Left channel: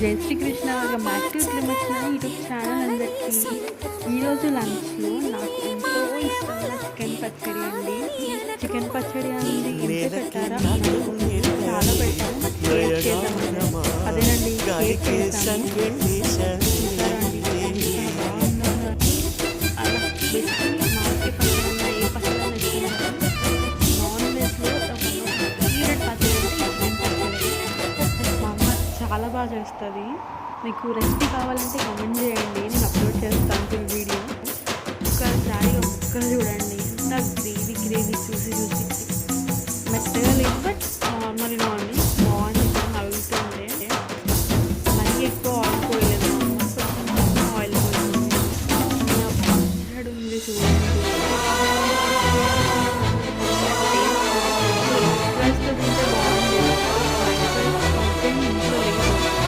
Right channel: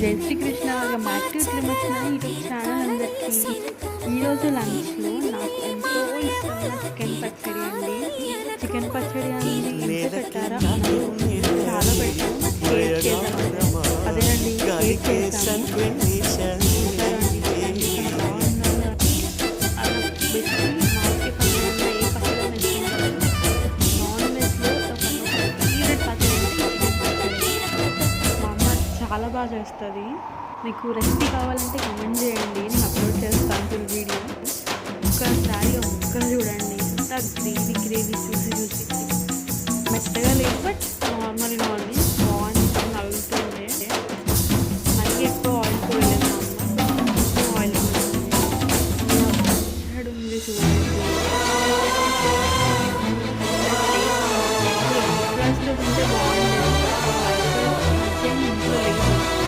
జై Sri Krishna welcome back to క్లిమచ్చిన YouTube channel అందరికీ. ఈరోజు లంచ్లో నాకు ఎంతో ఇష్టమైన చికెన్ పచ్చడి అండి. చికెన్ పచ్చడి అండి ఎంత పెట్టారా అని అనుకుంటున్నాను. చాలా పెట్టాను, బట్ టేస్ట్ చేద్దామండి. అదేనండి టేస్ట్ చేస్తాను. చూసారా అండి చాలా బాగుందో. అలా బేసిక్లీ నాకే పచ్చడి అన్న ఏ పచ్చడి అన్న ఇష్టం కదా. నాన్ వెజ్లో ఒక ఫేవరెట్ పచ్చడి అంటే ఈ చికెన్ పచ్చడి. మా అమ్మ చాలా బాగా చేస్తుంది. మీకు రెసిపీ కావాలంటే కామెంట్ చేయండి, నేను అప్లోడ్ చేస్తాను ఫుల్ వీడియో. ఒక్కసారిగా ముక్కలు చూడండి, ఇంత గ్రేవీ చూసి మెత్తగా లేదు, బట్ నార్మల్ బాగుంది. ఇక్కడ నవ్వుతుంటే మరీ ఎక్కువ